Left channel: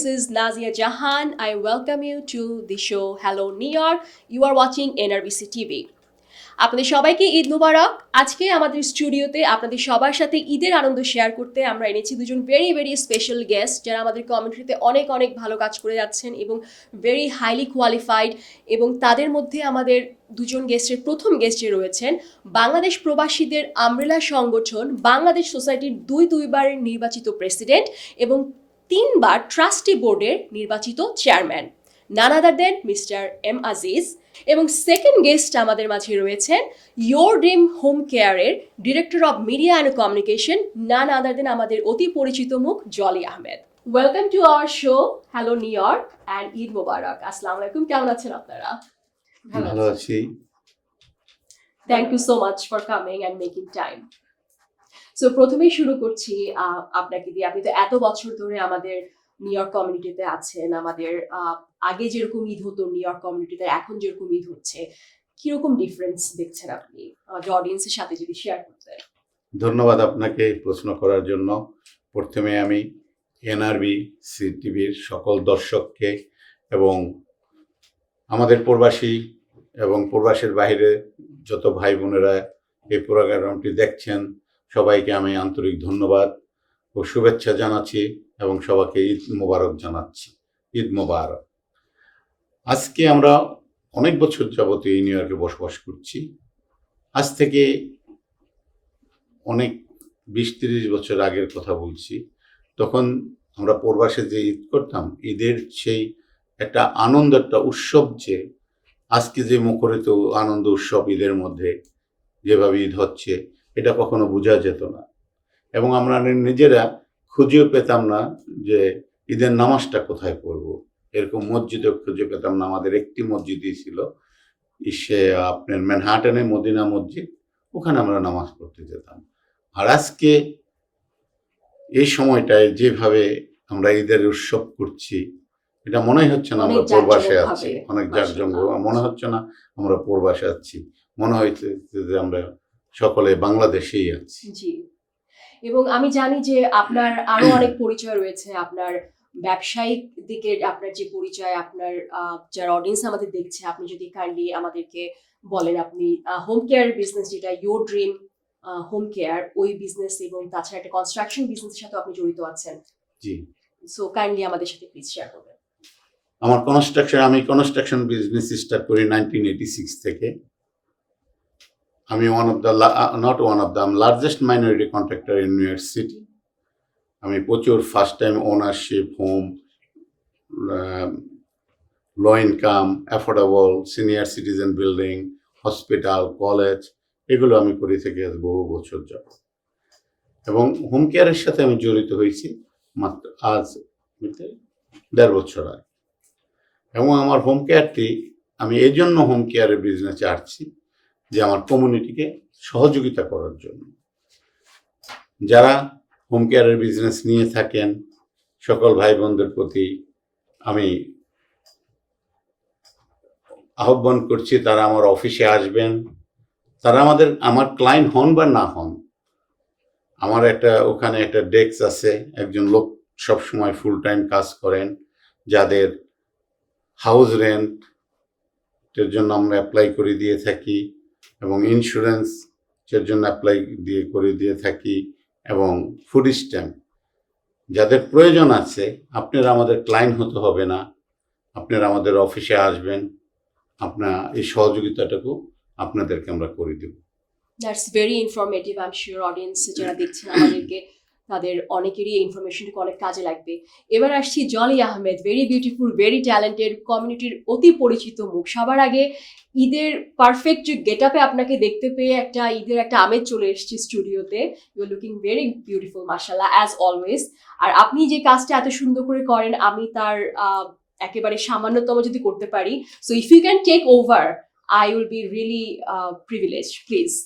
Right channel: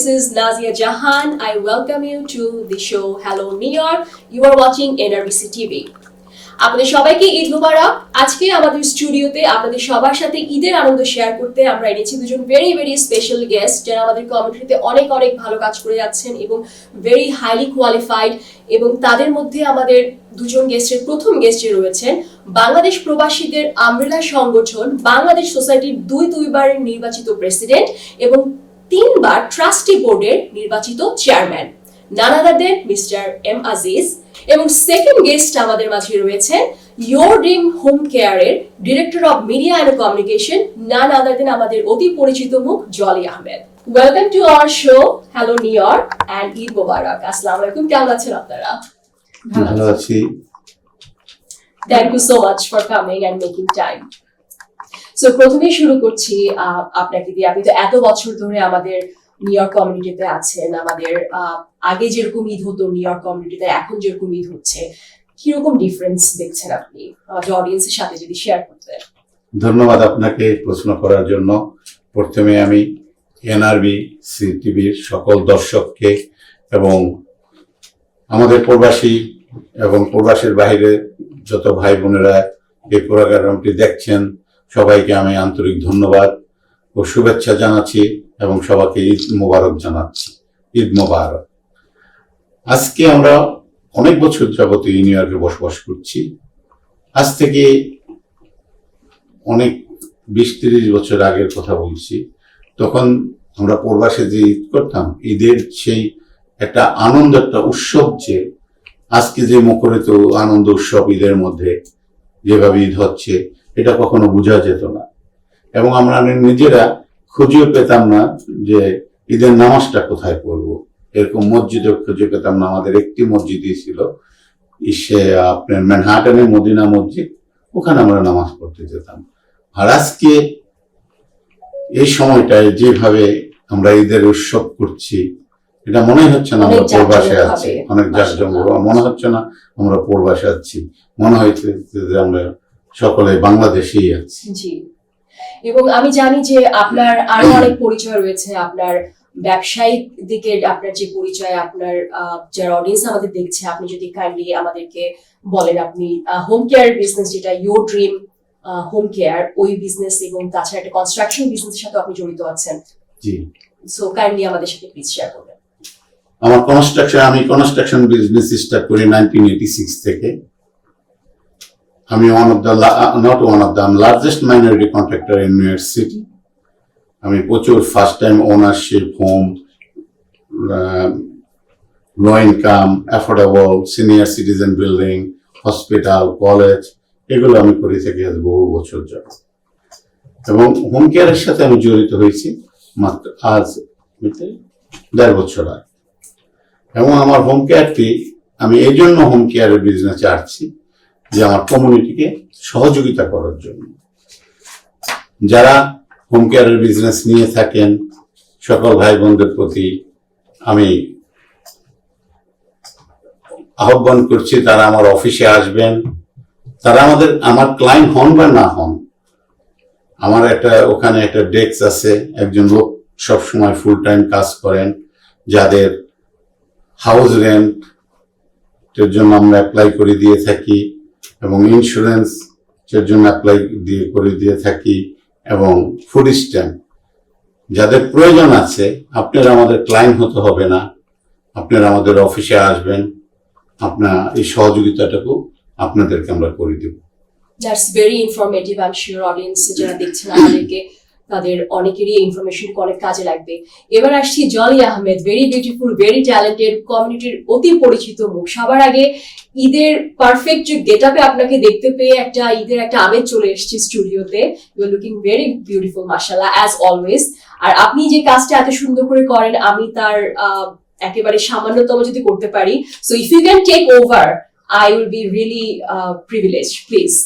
this is Nazia Jahan. I welcome you to the show Hello New York. You are watching NRBC TV. আপনাদের সবাইকে ঈদ মুবারক। আজকে আমাদের স্টুডিওতে আপনাদের সবার সাথে ঈদের আনন্দ শেয়ার করতে আমরা এনেছি দুজন ভেরি ভেরি স্পেশাল গেস্ট যারা আমাদের কমিউনিটিতে অনেক অনেক ভালো কাজ করে যাচ্ছেন এবং ভেরি হাইলি কোয়ালিফাইড। এবং তাদের মধ্যে আমাদের দুজন গেস্টের প্রথম গেস্টে রয়েছেন বাংলাদেশ প্রবাসীদের আমব্রেলা সংগঠন বাংলাদেশ সোসাইটির দুইবার নির্বাচিত প্রেসিডেন্ট এবং 3 বার ট্রাস্টি বোর্ডের নির্বাচিত chairman none other than Mr. M. Aziz. এবং সেকেন্ড গেস্ট আমাদের মাঝে রয়েছেন ইয়োর ড্রিম হোম কেয়ারের director of media and communication none other than আমাদের অতি পরিচিত মুখ Jolly Ahmed. Welcome to our show hello New York and Eid মোবারক। আসসালামু আলাইকুম, কেমন আছেন আপনারা? ভালো আছি। Thank you so much for coming and making time. So প্রথমেই শুরু করছি আপনাকে দিয়ে। আপনি তো এত বছর ধরে আমাদের নিউ ইয়র্ক কমিউনিটিতে আছেন, আমাদের আগে যেরকম ঈদ হতো নিউ ইয়র্ক কমিউনিটিতে এখন যেরকম ঈদ হচ্ছে, কিরকম ডিফারেন্স দেখছেন আপনি আমাদের অডিয়েন্সের সাথে যদি শেয়ার করতেন? ধন্যবাদ আপনাকে প্রশ্ন করার জন্য। প্রথমে আমি NRBC টিভির সকল দর্শককে এবং আমাদের প্রবাসী এবং প্রবাসীর বাইরে যত ভাই বোনেরা এই প্রোগ্রামটি দেখছেন সবাইকে আমি আন্তরিক ধন্যবাদ ও শুভেচ্ছা জানাচ্ছি এবং সবাইকে ঈদ মোবারক জানাচ্ছি। ঈদ মোবারক। আজকে আমরা অনেক বছর যাবত নিউ ইয়র্কে বসবাস করছি। আজ থেকে অনেক 20-30 বছর আগের কথা বলছি। তখন আমরা প্রবাসে যে ঈদ করতাম, ঈদের সেই একটা আনন্দ, একটা উৎসব, যে আজকে যে মুখরিত আনন্দ উৎসব ঈদের মধ্যে যেভাবে ঈদ হচ্ছে এটা কখনো বোঝা যেত না। এবং আমরা নিজেরা খুঁজেও পেতাম না যে ঈদের নামাজটা কোথায় পড়বো। এরকম মসজিদও খুঁজে পেতাম না। আমাদের একটি মসজিদই ছিল, আপনার ম্যানহাটনের মদিনা মসজিদ, ওখানে আমরা নামাজ পড়তে যেতাম। আর আজকে এই সময়টায় যেভাবে আমরা ঈদের উৎসব করছি, এটা মনে হচ্ছে না আমরা প্রবাসে আছি। অনেক জাঁকজমক, মনে হচ্ছে না আমরা প্রবাসে আছি, মনে হচ্ছে যে আমরা সকলে বাংলাদেশেই আছি। জি। এবং আমি জানি যে আপনার আরো অনেক পরিচয় রয়েছে, আপনার ব্যবসায়িক দিকে আপনার যে পরিচয়, আপনার যারা অডিয়েন্স আমাদের দেখছে, আপনি যদি কাইন্ডলি আমাদেরকে বলেন আপনি হোম কেয়ার বিজনেস যেটা ইয়োর ড্রিম হোম কেয়ার, ওই বিজনেস এবং তাছাড়া একটা কনস্ট্রাকশন বিজনেসের সাথে আপনি জড়িত আছেন। জি। সো কাইন্ডলি আমাদের সাথে প্লিজ শেয়ার করবেন। আমি কনস্ট্রাকশন বিজনেস স্টার্ট করি 1986 থেকে। আমি largest minority contractor in new York city. আমি প্রচুর first time ownership, home, low income, affordable, senior citizen building, hospital, college, এগুলো আমি করে থাকি আজ বহু বছর যাবত। এবং হোম কেয়ারের সাথে আমি জড়িত হয়েছি মাত্র আজ 1.5 বছর আগে। এবং আমার হোম কেয়ারটি, আমি এই জন্য হোম কেয়ারের বিজনেসে আসছি যে আমার কমিউনিটিকে সহযোগিতা করার জন্য। যারা হোম কেয়ারের বিজনেস নিয়ে থাকেন সকল ভাই বোনদের প্রতি আমি আহ্বান করছি, তারা আমার অফিসে আসবেন। তারা আমার ক্লায়েন্ট হন বা না হন, আমার ওখানে একটা ডেস্ক আছে, একজন লোক সবসময় ফুল টাইম কাজ করেন, যাদের হাউস রেন্ট এর জন্য আমরা অ্যাপ্লাই করে দিয়ে থাকি এবং ইন্স্যুরেন্স এর জন্য অ্যাপ্লাই করে দিয়ে থাকি এবং ফুড স্ট্যাম্প। যাদের প্রয়োজন আছে, আপনারা আমাদের ক্লায়েন্ট হতে হবে না, আপনারা আমাদের অফিসে আসবেন, আপনার এই সহযোগিতাটুকু আপনাদেরকে আমরা করে দেব। That's very informative. I am sure audience যারা দেখছেন আমাদেরকে, তাদের অনেকেরই ইনফরমেশন অনেক কাজে লাগবে। এবার আসছি Jolly Ahmed, very beautiful, very talented, কমিউনিটির অতি পরিচিত মুখ। সবার আগে ঈদের পারফেক্ট গেট আপে আপনাকে দেখতে পেয়ে একটা ঈদের একটা আমেজ চলে এসেছে স্টুডিওতে। You are looking very beautiful মাশাআল্লাহ অ্যাজ অলওয়েজ। আর আপনি যে কাজটা এত সুন্দর করে করেন, আমি তার একেবারে সামান্যতম যদি করতে পারি, so if you can take over, I will be really privileged, please.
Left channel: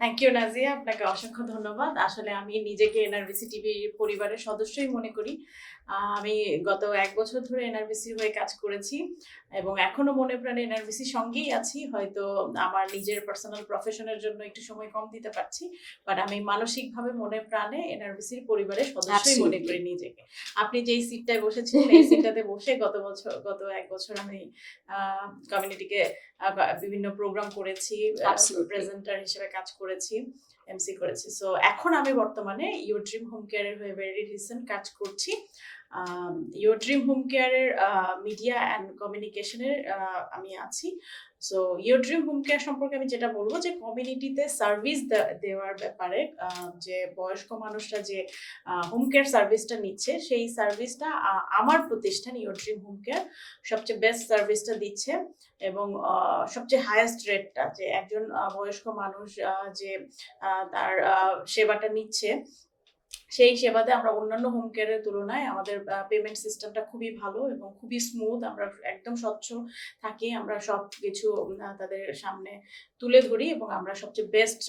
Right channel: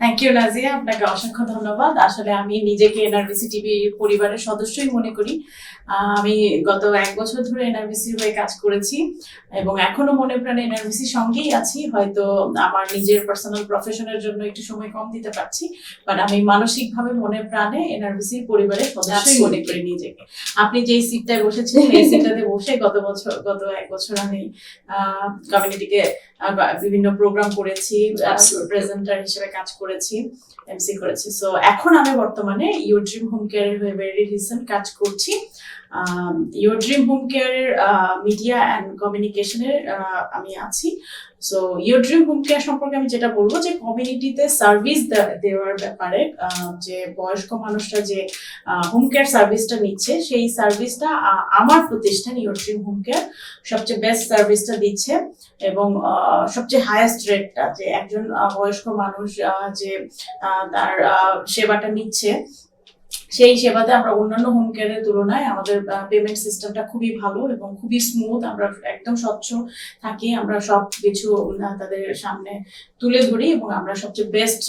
Thank you Nazia, আপনাকে অসংখ্য ধন্যবাদ। আসলে আমি নিজেকে এনআরবিসি টিভি পরিবারের সদস্যই মনে করি। আমি গত 1 বছর ধরে এনআরবিসি হয়ে কাজ করেছি এবং এখনো মনে প্রাণে এনআরবিসির সঙ্গেই আছি। হয়তো আমার নিজের পার্সোনাল প্রফেশনের জন্য একটু সময় কম দিতে পারছি, বাট আমি মানসিকভাবে মনে প্রাণে এনআরবিসি পরিবারের সদস্যই মনে করি নিজেকে। আপনি যেই সিটটায় বসেছেন এই সিটটাতে বসে গত 1 বছর আমি কমিউনিটিকে বিভিন্ন প্রোগ্রাম করেছি, প্রেজেন্টার হিসেবে কাজ করেছি, এমসি করেছি। সো এখন আমি বর্তমানে ইউর ড্রিম হোম কেয়ারের হয়ে ভেরি রিসেন্ট কাজ করছি। ইউর ড্রিম হোম কেয়ারের মিডিয়া অ্যান্ড কমিউনিকেশনের আমি আছি। So your dream home care সম্পর্কে আমি যেটা বলবো যে কমিউনিটিতে সার্ভিস দেওয়ার ব্যাপারে যে বয়স্ক মানুষরা যে হোম কেয়ার সার্ভিসটা নিচ্ছে সেই সার্ভিসটা আমার প্রতিষ্ঠান ইউর ড্রিম হোম কেয়ার সবচেয়ে বেস্ট সার্ভিসটা দিচ্ছে এবং সবচেয়ে হাইয়েস্ট রেটটা যে একজন বয়স্ক মানুষ যে তার সেবাটা নিচ্ছে সেই সেবাতে আমরা অন্যান্য হোম কেয়ারের তুলনায় আমাদের পেমেন্ট সিস্টেমটা খুবই ভালো এবং খুবই স্মুথ। আমরা একদম স্বচ্ছ থাকি, আমরা সব কিছু তাদের সামনে তুলে ধরি এবং আমরা সবচেয়ে বেস্ট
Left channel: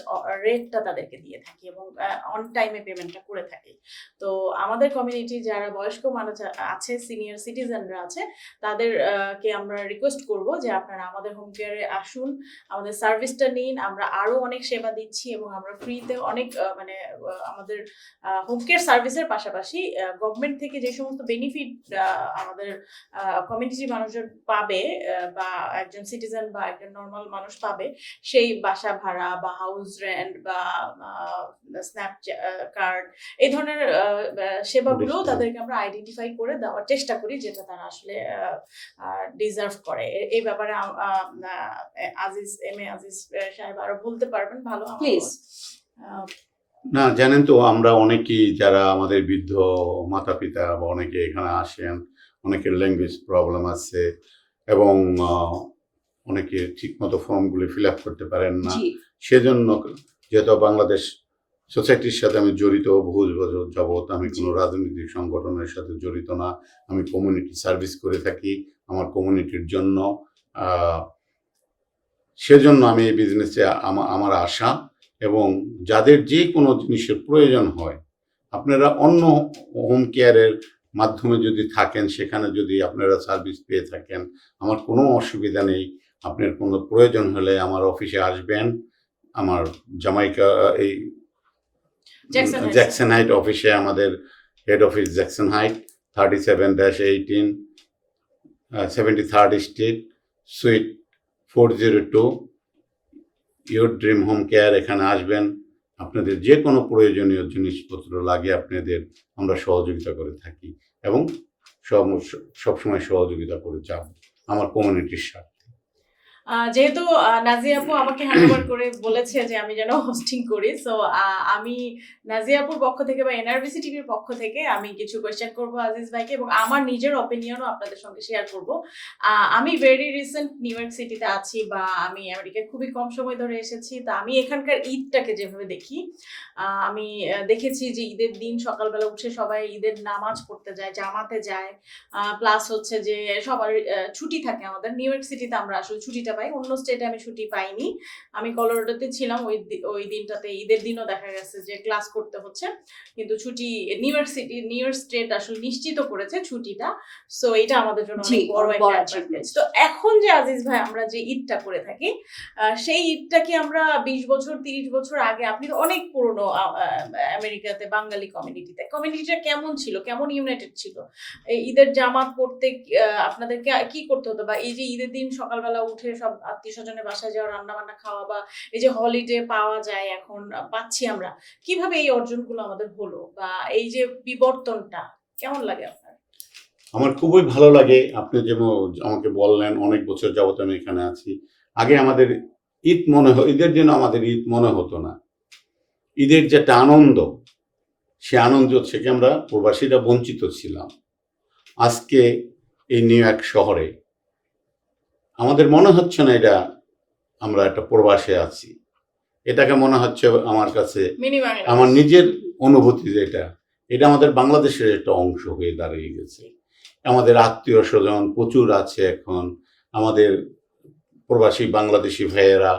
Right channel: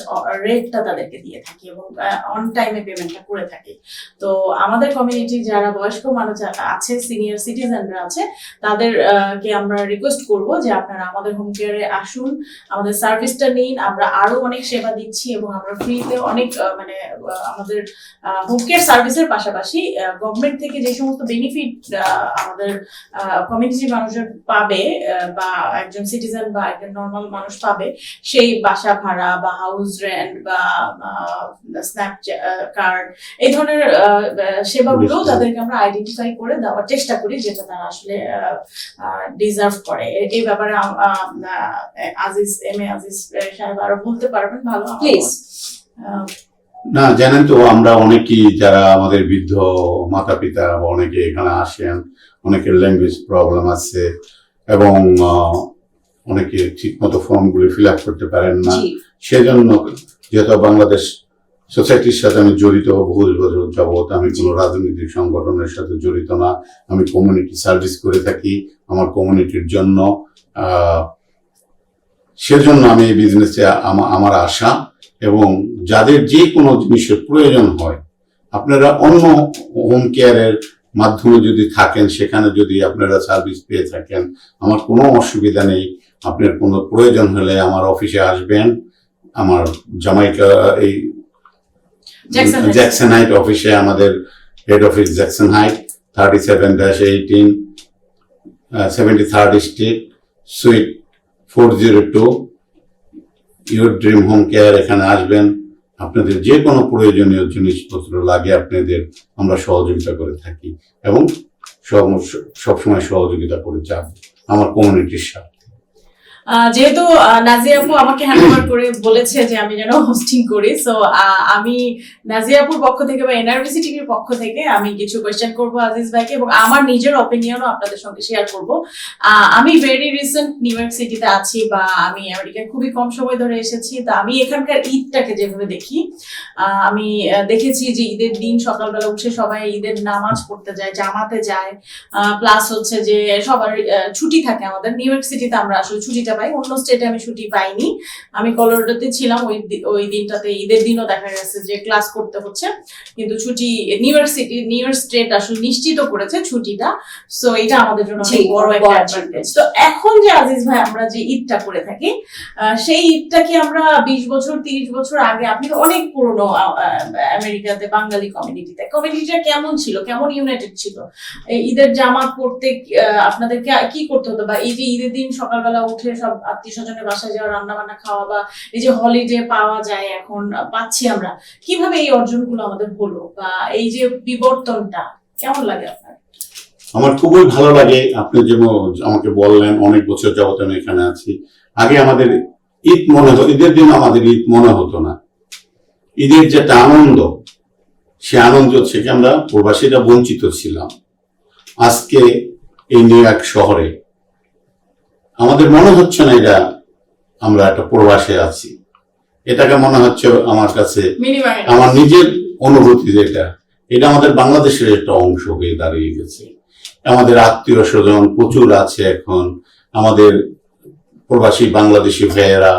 রেটটা তাদেরকে দিয়ে থাকি এবং অন টাইমে পেমেন্টটা করে থাকি। তো আমাদের কমিউনিটি যারা বয়স্ক মানুষ আছে, সিনিয়র সিটিজেনরা আছে, তাদেরকে আমরা রিকোয়েস্ট করব যে আপনারা আমাদের হোম কেয়ারে আসুন, আমাদের সার্ভিসটা নিন। আমরা আরো অনেক সেবা দিচ্ছি এবং আমরা ফ্রিতে অনেক আমাদের হোম কেয়ার সার্ভিসের পাশাপাশি গভর্নমেন্ট থেকে যে সমস্ত বেনিফিট আমাদের কমিউনিটির মানুষজন পাবে বা একজন সিটিজেন বা একজন নর্মাল মানুষ পাবে, সেই বাসা ভাড়া বা হাউস রেন্ট বা স্ন্যাপ কার্ড এই ধরনের সেবাগুলো তাদেরকে আমরা আইডেন্টিফাই করে দেওয়ার চেষ্টা করি, যেটা তারা আসলে ডিজার্ভ করে। এই ব্যাপারে আজিজ সাহেব আরো বলতে পারবেন ভালো প্লিজ। না, জানেন তো আমরা অনেকেই যারা আমাদের বৃদ্ধ মাতা পিতা অনেকে এখানে আসেন, অনেকের ল্যাঙ্গুয়েজ প্রবলেম আছে এবং অনেকে ঠিক মতো ফর্মগুলি ফিল আপ করতে পারেন না। সেজন্য যেহেতু বাংলাদেশ সোসাইটির সাথে আমি জড়িত বহু বছর যাবত, আমি কোনো রাজনৈতিক সংগঠনের সাথে জড়িত না, আমি কমিউনিটি সার্ভিস করে থাকি আমার কমিউনিটির জন্য। সেজন্য আমি এই বিজনেসে আমার আশা এবং যাদের যে কোনো জিনিসের প্রয়োজন হয় আপনারা অন্য হোম কেয়ারের মাধ্যমে যদি থাকেন, সেখানে যদি আপনারা সার্ভিস পেয়ে থাকেন, আমার কোনো অসুবিধা নেই। আপনার কোনো প্রয়োজন হলে আমার অফিসে আসবেন, আমার জামাইকা এই জ্যাকসন হাইট অফিসে, আমাদের head office Jackson height 37-18 73rd street sweet 402 your dream home care. এখানে আসবেন, আপনাদের যে কোনো প্রয়োজনীয় জিনিসপত্র লাগে আপনাদের আমরা সহযোগিতা করে থাকি এবং সবসময় সহযোগিতা করে যাব আমার কমিউনিটির সাথে। যেহেতু নাজিয়া আপু আমাকে হ্যান্ডওভার করে বলেছে যে আমি যেন হোস্টিং করি, সো আমি নাজিয়া আপুর পক্ষ থেকে বা এনআরবিসি টিভির পক্ষ থেকে আমি কিছু কোয়েশ্চেন করব আজিজ ভাইকে এবং আমার নিজের অপিনিয়নও আপনাদের সঙ্গে শেয়ার করব। আমি ভেরি রিসেন্ট নিউ ইয়র্ক সিটিতে আছি বা আমি আমেরিকায় খুবই কম সময় ধরে এসেছি। তা আমি এখানকার ঈদটাকে যেভাবে দেখি, আমি দেখেছি যে ঈদের দিন সকালবেলা উঠে সবাই ঈদের নামাজ পড়তে যায়, জামাতে যায়, প্লাস হচ্ছে যে সবার ছুটি থাকে। আমাদের নিউ ইয়র্ক সিটিতে আমরা আসলে ছুটিটা পাই, অন্য স্টেটে আমি ছুটি পাইনি। আমি কলোরাডোতে ছিলাম, ওই দিনটাতে ঈদের দিনও দেখা গেছে যে ক্লাস করতে হচ্ছে, কিন্তু ছুটি নিউ ইয়র্ক স্টেট আসলে নিশ্চিত করেছে ছুটিটা। সো এটা আমাদের জন্য অনেক বড় একটা অ্যাডভান্টেজ। তো এখন যে আজিজ ভাই আমরা যে ঈদটা করে থাকি, সেই ঈদটা কি আমরা 20 বছর 30 বছর আগে, আপনি অনেক পুরনো আমেরিকাতে বাঙালি কমিউনিটিটা কেমন ছিল, কেমন ইউনাইটেড ছিল? ঈদের জামাত পড়তে আপনাদের কি করতে হতো, বা এই যে ঈদের দিন সকালবেলা উঠে সব আত্মীয় স্বজনের বাসায় যাওয়া, রান্না বান্না খাওয়া, বা এই যে হলিডে পাওয়া যায় এখন পাচ্ছি আমরা, কিভাবে এই অর্জনগুলো আমাদের হলো বা এই যে বিবর্তনটা কেমন লাগে আপনার? আমার খুবই ভালো লাগে। আপনি যেমন আমাকে বললেন অনেক বছর যাবত আমি এখানে আছি, আগে আমাদের ঈদ মনে হতো, ঈদের দিন আমাদের ঈদ মনে হতো না। ঈদের যেটা আনন্দ, সে আনন্দ থেকে আমরা প্রবাসীরা বঞ্চিত ছিলাম। আজকে এই নিউ ইয়র্ক শহরে আমাদের মনে হচ্ছে না এটা আমরা একটা প্রবাসে আছি, এটাকে মনে হচ্ছে আমার কাছে, আমার নিজের অনুভূতি যেটা, এটা আমাদের বাংলাদেশের একটা অংশ হয়ে দাঁড়িয়ে গেছে। আমাদের আত্মীয় স্বজন প্রচুর আছে এখন, আমাদের প্রবাসী বাংলাদেশি ভাইয়েরা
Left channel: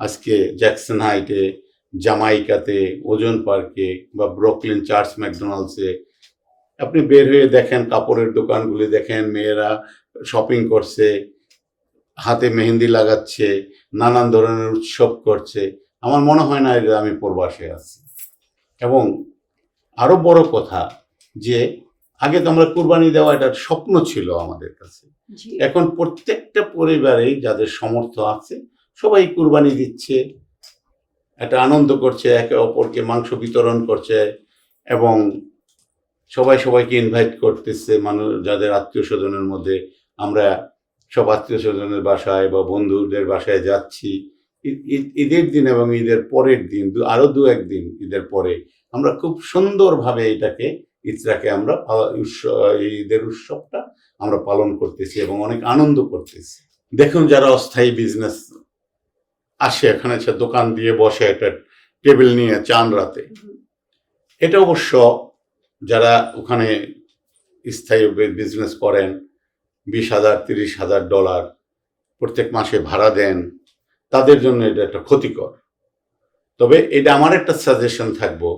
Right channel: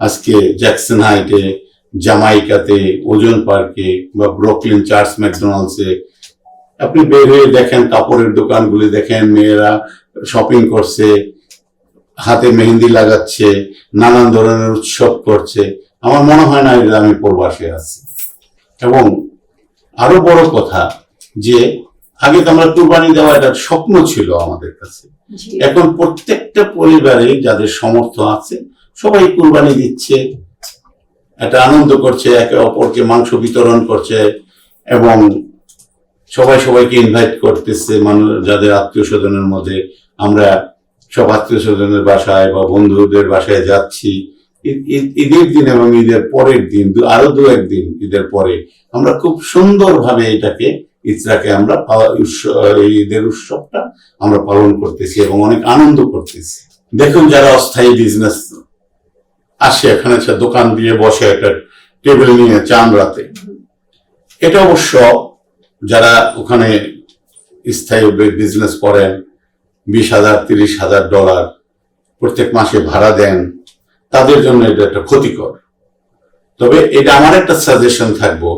আজকে জ্যাকসন হাইটে জামাইকাতে, ওজন পার্কে বা ব্রুকলিন চার্লস ম্যাকডোনাল্ডসে আপনি বের হয়ে দেখেন, কাপড়ের দোকানগুলি দেখেন, মেয়েরা শপিং করছে, হাতে মেহেন্দি লাগাচ্ছে, নানান ধরনের উৎসব করছে। আমার মনে হয় না যে আমি প্রবাসে আছি। এবং আরো বড় কথা যে আগে তো আমরা কুরবানি দেওয়া এটা স্বপ্ন ছিল আমাদের কাছে। জি। এখন প্রত্যেকটা পরিবারে যাদের সামর্থ্য আছে সবাই কুরবানি দিচ্ছে, একটা আনন্দ করছে, একে অপরকে মাংস বিতরণ করছে এবং সবাই সবাইকে ইনভাইট করতেছে। মানুষ যাদের আত্মীয় স্বজনের মধ্যে, আমরা সব আত্মীয় স্বজনের বাসায় বা বন্ধুদের বাসায় যাচ্ছি ঈদের দিন এবং ঈদের পরের দিন, আরো দু একদিন ঈদের পরে আমরা খুব সুন্দরভাবে এটাকে ঈদটাকে আমরা ঈদের উৎসবটা আমরা পালন করতেছি এবং অনেক আনন্দ করতেছি। দেখুন, যারা অস্থায়ী বিজনেস আসে এখানে, দোকান দিয়ে বসে একটা টেবিল নিয়ে চাঁদ রাতে, এটা অবশ্য যারা ওখানে স্থায়ী বিজনেস করেন, $20,000 $30,000 প্রত্যেক মাসে ভাড়া দেন, তাদের জন্য এটা একটা ক্ষতিকর। তবে এটা আমার একটা সাজেশন থাকবো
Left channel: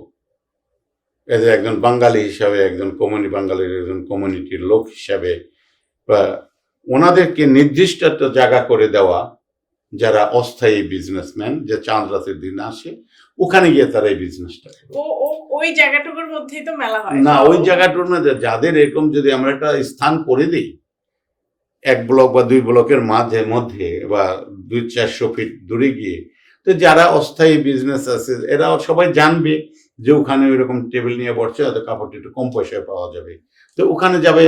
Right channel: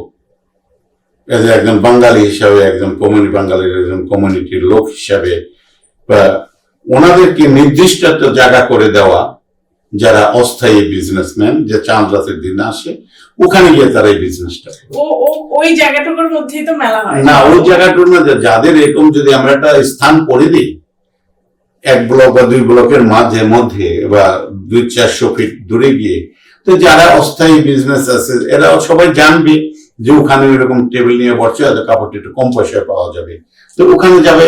এজ একজন বাঙালি হিসাবে, একজন বাঙালির একজন কমিউনিটির লোক হিসাবে, ওনাদেরকে নির্দিষ্ট একটা জায়গা করে দেওয়া, যারা অস্থায়ী বিজনেসম্যান, যে চাঁদ রাতের দিন আসে ওখানে গিয়ে তারা এই বিজনেসটা ওই জায়গাটুকুর মধ্যেই তো মেলা হয় না, ওই জায়গাটুকু না, যাদের এরকম যদি আমরা একটা স্থান করে দিই 1 ব্লক বা 2 ব্লকের মধ্যে বা 200-400 ফিট দূরে গিয়ে, তো যারা অস্থায়ী বিজনেস আছে এরাও সবাই জানবে যে ওখানে এরকম টেবিল নিয়ে বসছে, হয়তো কাপড়টা একটু কম পয়সায় পাওয়া যাবে, তো ওখানে যাবে।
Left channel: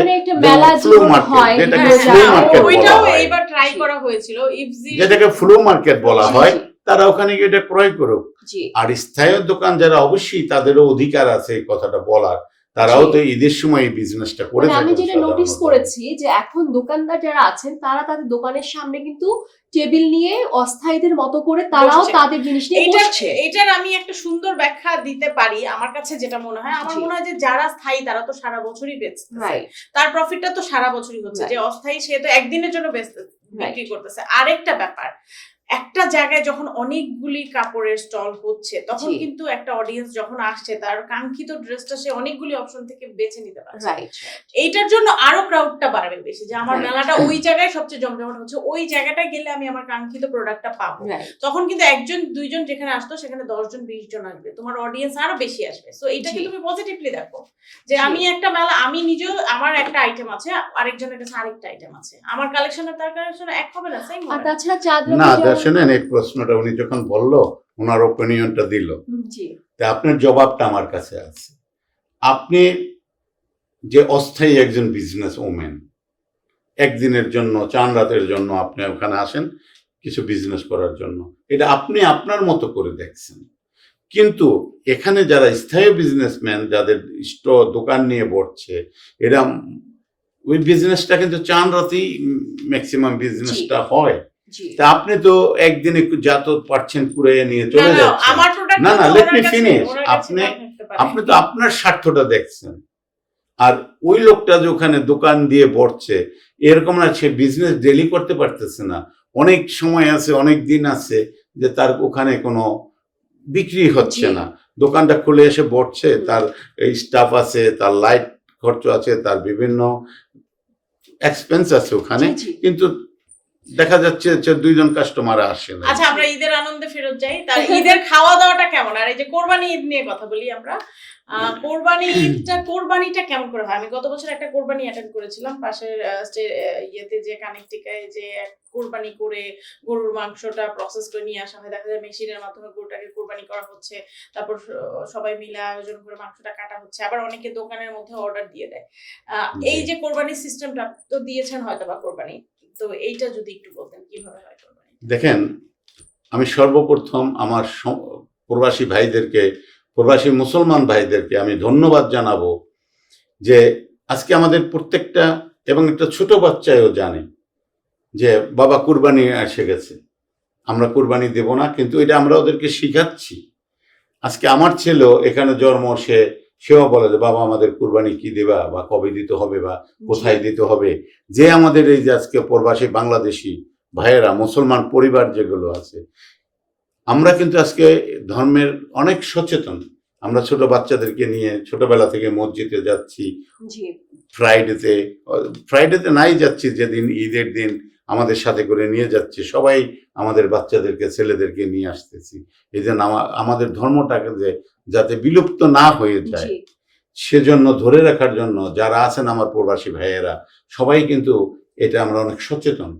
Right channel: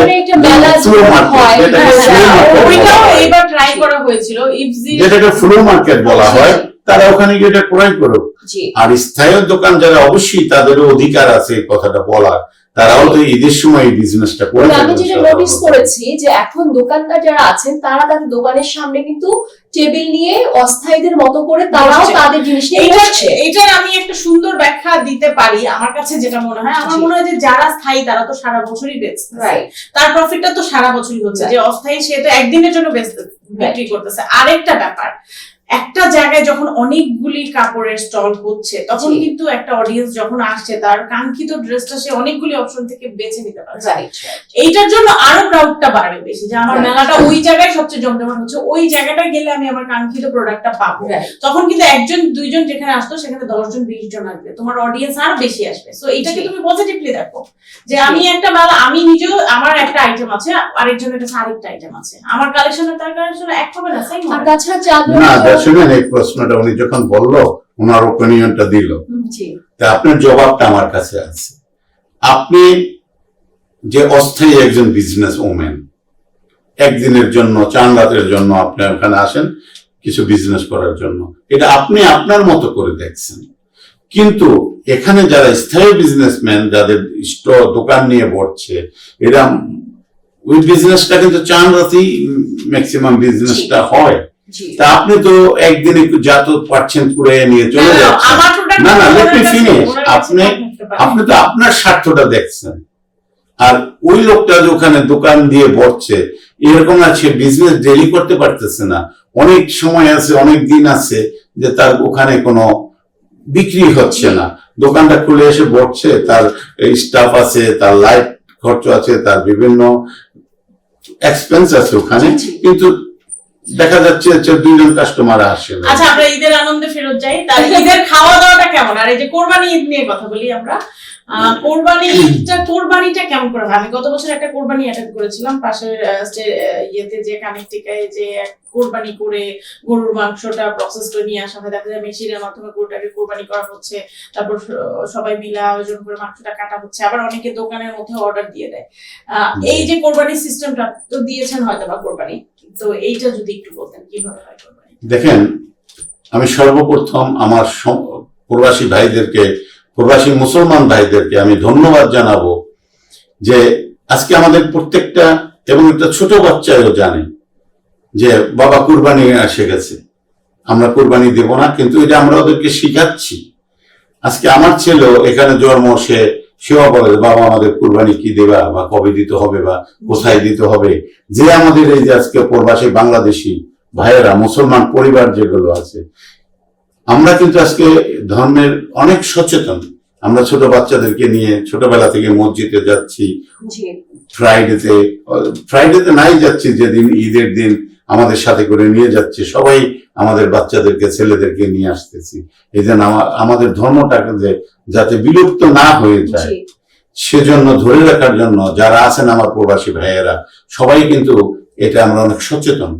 যেটাকে ফ্লো মার্কেট বলা হয়, তারা ওখানে গিয়ে এটা ক্রয় করুক। আর স্থায়ী দোকান যারা, অবশ্যই তাদেরও অধিকার আছে এই কথাটা বলার, তারাও তো ঈদের সময় এই বিজনেসটা করে। আমি যেটা নোটিস করেছি যে এখন দোকানদার যারা আছেন তারা তাদের দোকানের সামনে কিন্তু টেবিল নিয়ে অস্থায়ীদের মতো করে তারাও তাদের জিনিস নিয়ে বসছে। এটার আমি একটা সুন্দর ব্যাখ্যা দিতে পারি। আমার কাছে যেটা মনে হয়, আমার মনে হয় যে যারা স্থায়ী তারা তো সারা বছরই বেচছে, তার প্রফিটটা তো সারা বছরই হচ্ছে। যে অস্থায়ী সে তো একদিনের জন্য বিক্রি করতেছে। আরেকটা ব্যাপার, একটা জায়গায় যখন অনেকগুলি কাপড়ের স্টল হচ্ছে, তখন কিন্তু একটা অডিয়েন্স যখন আসছে, তার কাঙ্ক্ষিত ড্রেসটা সে অনেকগুলি অপশন থেকে বেছে নিতে পারছে। এইটার জন্য আরো ক্রাউডটা বাড়বে বেশি, যে আমার মেলাটা ওই জায়গায় সবচেয়ে জমজমাট হচ্ছে, ওই জায়গাটা গেলে আমি আমার কাঙ্ক্ষিত প্রোডাক্টটা পাবো। তখন কিন্তু 1 2 জন যেখানে আসতো, সেখানে 10 20 জন আসবে, তোমার অডিয়েন্স আরো বেশি আসবে। সো এইটাকে তুমি পজিটিভলি দেখো, যে আমি একটা মেলা, আমি নিজেও আমার একটা আইটেম আছে, আরেকজনের কাছে আরেকটা আইটেম আছে, আমার কালেকশনে তার কালেকশনে এক হবে না, সেম হবে। তাছাড়া শুনেন, এই প্রশ্নটা উনি যখন বললো, ওনার ওপিনিয়নটা দিল, তা আপনার জবাবটা আমার কাছে আছে। আপনি যে অস্থায়ী একজন বিজনেস ওম্যান, একদিনের জন্য, চাঁদ রাতের জন্য আপনি ওখানে আসেন কিছু বিজনেস করার জন্য, এটা আপনি আপনার মতো করে দেখছেন। কিন্তু এখানে যারা স্থায়ী বিজনেসম্যান, যাদের দোকান নিয়ে বসছে, এরা ওই বিজনেসটা কিন্তু চাঁদ রাতেই ম্যাক্সিমাম বিজনেসটা হয়। তা আপনি তো একদিন একটু যত পাচ্ছেন করে নিয়ে চলে যাচ্ছেন। না না, লেট মি ফিনিশ। আপনি তো আপনার স্বার্থটা দেখছেন, আর ওই লোকটা যে ওখানে দোকান দিয়ে বসছে, এরকম আছে বিজনেস ডেলি করতে পারতেছে না, অনেক সময় আছে, অনেক দিন আছে যে তার ওখানে কোনো বিক্রি হচ্ছে না, দোকানটা খুলে এসে বসছে, তার স্টাফ আছে, তার লাইট খরচ আছে, তার বিভিন্ন এক্সপেন্স আছে ওখানে, কিন্তু দেখা যাচ্ছে 14 জন কাস্টমার আসে। আচ্ছা, আমরা ঈদের আনন্দে ফেরত যাই। তার ঈদের খাওয়া দাওয়াটা কেমন? আর এই যে কোরবানি ঈদ নিয়ে কথা বলি আমরা, কোরবানিটা কেমন করে হয়? আমি গত বছর একটা কোরবানি অ্যাটেন্ড করেছিলাম পাশের ইয়েতে, যে কানেকটিকায়, যে কোরবানি করে গরুর মাংসটা প্রসেস করে নিয়ে আসা হয়, দেখা যায় মেশিনের মাধ্যমে গরুটাকে কোরবানি করা হচ্ছে, তারপর সবাই মিলে আয়োজন করে মাংসটা কাটা হচ্ছে, আবার অনেকে দোকানের মধ্যে অর্ডার দিয়ে দেয়। এই যে কোরবানি সিস্টেমটা তো দিয়েছেন হয়তো বা কোরবানি, তো এইটা যদি একটু বলতেন কিভাবে হয় কোরবানি। দেখেন, আমি সর্বপ্রথম আমার প্রবাসী ভাইদেরকে, প্রবাসী মুসলমান ভাইদেরকে আমি ধন্যবাদ জানাবো যে আজকে আমাদের প্রত্যেকটা, এবং একটা ছোট বাচ্চাও জানে যে বাবা কুরবানি এসে গেছে, আমরা কুরবানি দেব না, কিন্তু এটা আমরা ওদেরকে শিখাচ্ছি। আজকে আমার ছেলে এখানে জন্ম, সেও বলে বাবা আমাদের কুরবানি কি দেবা, বা কবে দিতে হবে, বা কোথায় দিতে হবে। যে আমাদের এই যে আজকে প্রবাসী বাংলাদেশি ভাইয়েরা, মুসলমান পরিবার যেগুলো আছে, আমরা কিন্তু আজকে ধর্মের অনেক সচেতন। আমরা ছোট বাচ্চাদেরকে নিয়ে ছোটবেলা থেকে মসজিদে যাচ্ছি, জি ফ্রাইডেতে নাই যাচ্ছি, যেদিন ঈদের দিন আমাদের সাথে করে নিয়ে যাচ্ছে, সবাই আমাদের বাচ্চাদেরকে ছেলেদেরকে নিয়ে আসতেছি। এই জন্য আমাদের ধর্মটাকে যাতে বিলুপ্ত না হয়ে যায় জি সেজন্য ধরে রাখার জন্য যারা আছেন আমার প্রবাসী ভাইয়েরা সবাই কিন্তু এটা আমরা অনেক সচেতন।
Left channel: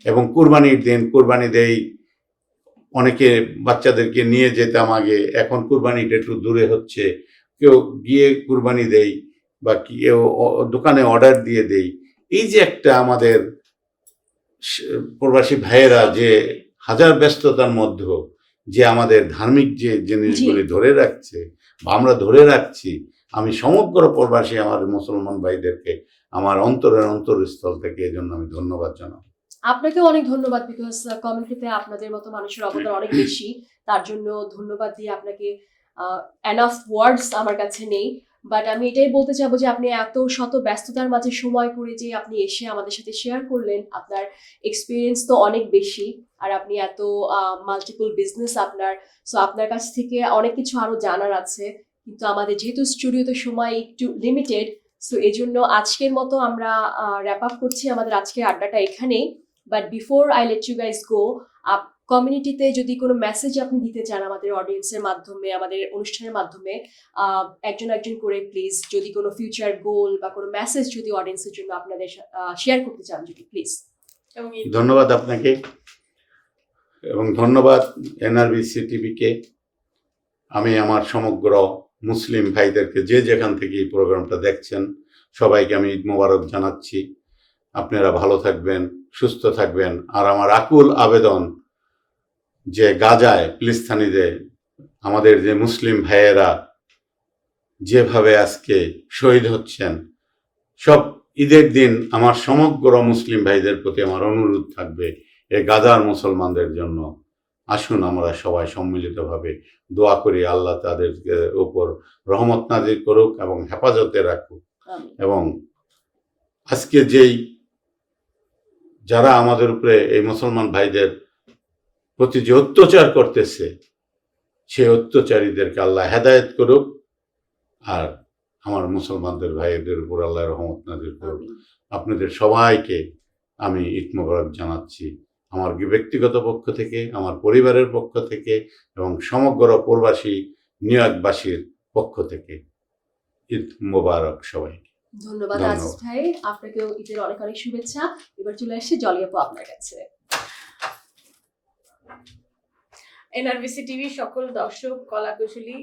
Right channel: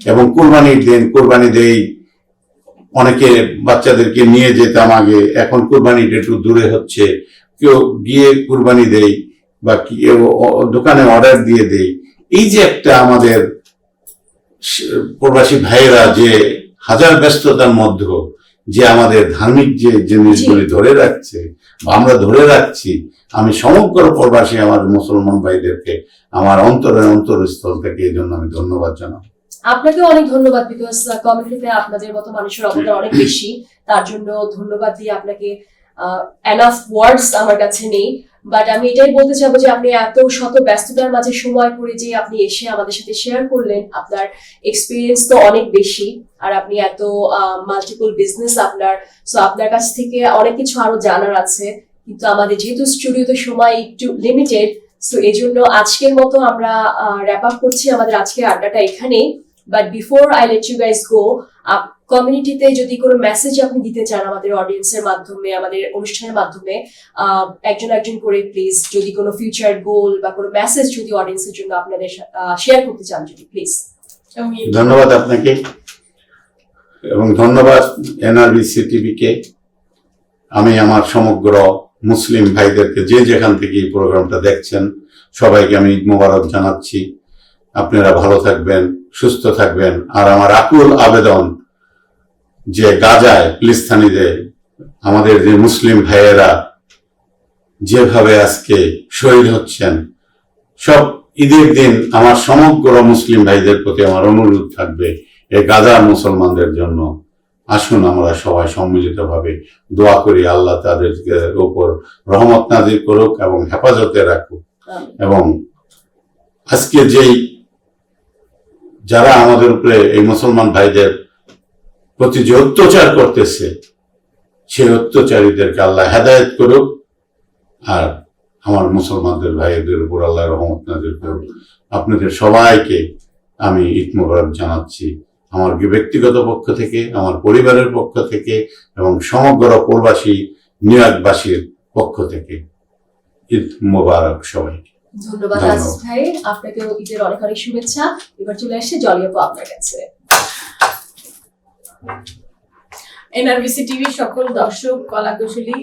এবং কুরবানির দিন কুরবানি দেই, অনেকে বাচ্চাদেরকে নিয়ে যেতাম আগে, এখন কুরবানিটা একটু দূরে হচ্ছে, কেউ গিয়ে কুরবানি দেই বা কেউ দোকানে অর্ডার দিয়ে দেই। এই যে একটা আমাদের প্রবাসী ভাইয়েরা যে হাজার ব্যস্ততার মধ্যে যে আমাদের ধার্মিক যে জিনিসগুলি ধরে রাখছে বা আমরা ধরে রাখছি, আমি সমগ্র প্রবাসী আমার মুসলমান ভাইদেরকে আমার অন্তরস্থল থেকে এই জন্য আমি ধন্যবাদ জানাই। আপনাকেও অনেক ধন্যবাদ, বিকজ কমিউনিটিতে আপনাদের মতো মানুষের অবদান অনেক বেশি। তার জন্য ধন্যবাদ দিয়ে আপনাকে এনাফ ওয়ার্ডস আমার কাছে নেই। বাট আমি এটাই বলতে চাবো যে আপনি এত শত ব্যস্ততার মাঝে সময় করে যে আপনি এসে আমাদের সাথে শেয়ার করলেন, আপনার এক্সপিরিয়েন্স তো অনেক বেশি, আর আপনি এত মাল্টিপল বিজনেস আপনার, সো আপনার কাছ থেকে অনেক কিছু আরো জানার আছে। কিন্তু আমাদের যেহেতু স্টুডিওতে সময় একটু লিমিটেড, সো এই জন্য আজকের মতো আমরা র্যাপ আপ করছি আমাদের আজকের আড্ডাটা এখানেই। But before I let you guys go, কমিউনিটিতে যদি কোনো মেসেজ আপনি দিতে চান আমাদের অডিয়েন্সের মাধ্যমে, আমাদের অনুষ্ঠানের মাধ্যমে, একজন একজন করে প্লিজ, যদি কোনো ফিউচার গোল বা কোনো মেসেজ যদি অডিয়েন্সের জন্য আপনাদের শেয়ার করতে চান, যদি প্লিজ। ধন্যবাদ আপনাকে এবং ধন্যবাদ এনআরবিসি টিভিকে। আমি আমার সমগ্র মুসলিম ভাইদেরকে যে যেখান থেকে এই প্রোগ্রামটা দেখছেন সবাইকে আমি ঈদ মোবারক জানাচ্ছি। আপনারা ভালো থাকবেন, সুস্থ থাকবেন। আর আমার আকুল আবেদন যে গাজায় ফিলিস্তিনিতে আমাদের যে মুসলিম ভাইয়েরা যেভাবে আজকে শহীদ হচ্ছেন, সব ঈদের দিন আমার সমগ্র মুসলিম ভাইদের প্রতি আমার অনুরোধ থাকবে এই গাজার মুসলমানদের জন্য আসুন আমরা সবাই সম্মিলিতভাবে দোয়া করি, আল্লাহ তাদের উপর রহমত নাজিল করুক এবং হেফাজতে রাখুক। এবং আজকে যেই যারা আমাদের উপরে এই মুসলমান ভাইদের প্রতি যে অত্যাচার করতেছে, সেই অত্যাচারীদেরকে আল্লাহ হেদায়েত করুক, আর আমার মুসলমানদের ভাইদের উপর আল্লাহ রহমত নাজিল করুক। আপনাদের সবাইকে আমি ঈদ মোবারক জানাচ্ছি আমার ব্যক্তিগত পক্ষ থেকে, আমার পরিবারের পক্ষ থেকে এবং সমগ্র প্রবাসী নিয়োগবাসীর পক্ষ থেকে ঈদ মোবারক সবাইকে। ধন্যবাদ আজিজ ভাই, আপনাকেও ঈদের অনেক অনেক শুভেচ্ছা। এবার চলে আসছে জলি আপু আপনার কাছে। এনআরবিসি টিভির সকল দর্শক, কলাকুশলী,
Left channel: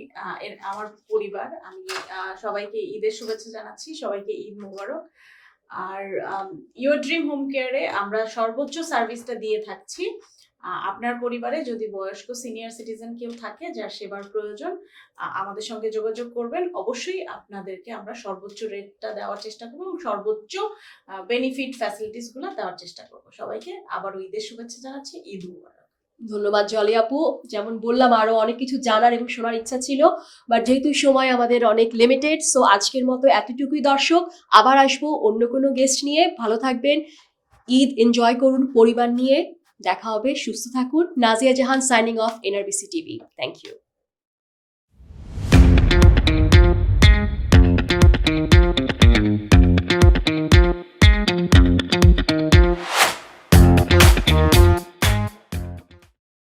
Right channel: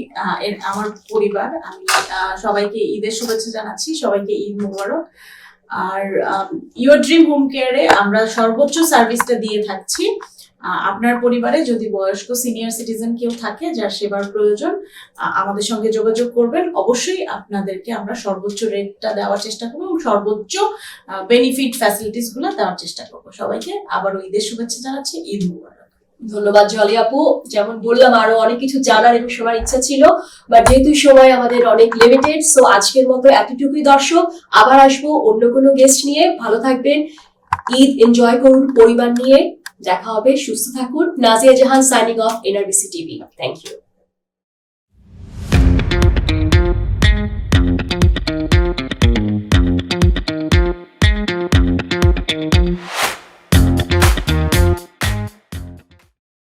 আমার পরিবার, আমি সবাইকে ঈদের শুভেচ্ছা জানাচ্ছি, সবাইকে ঈদ মোবারক। আর ইউর ড্রিম হোম কেয়ারে আমরা সর্বোচ্চ সার্ভিসটা দিয়ে থাকছি। আপনার পরিবারে যদি বয়স্ক সিনিয়র সিটিজেন কেউ থাকে যার সেবার প্রয়োজন, আমাদের সঙ্গে যোগাযোগ করবেন। অবশ্যই আপনাদেরকে আমরা সর্বোচ্চ রেটটা দেওয়ার চেষ্টা করবো এবং সর্বোচ্চ বেনিফিট ফ্যাসিলিটিস গুলো দেওয়ার চেষ্টা করবো। সবাইকে আবারও ঈদের শুভেচ্ছা জানাচ্ছি, ঈদ মুবারক। ধন্যবাদ জলি আপু। যেমন বললাম আরো অনেক কিছু জানার এবং শোনার ইচ্ছা ছিল, বাট যেহেতু সময় আমাদের অনেক লিমিটেড, সো আজকের মতো এতটুকুই দর্শক। আবার আসবো অন্য কোনো গেস্ট নিয়ে। ভালো থাকবেন, ঈদ এনজয় করুন পরিবার নিয়ে। দেখা হবে, সুস্থ থাকুন। Nazia Jahan signing off NRBC TV. Thank you.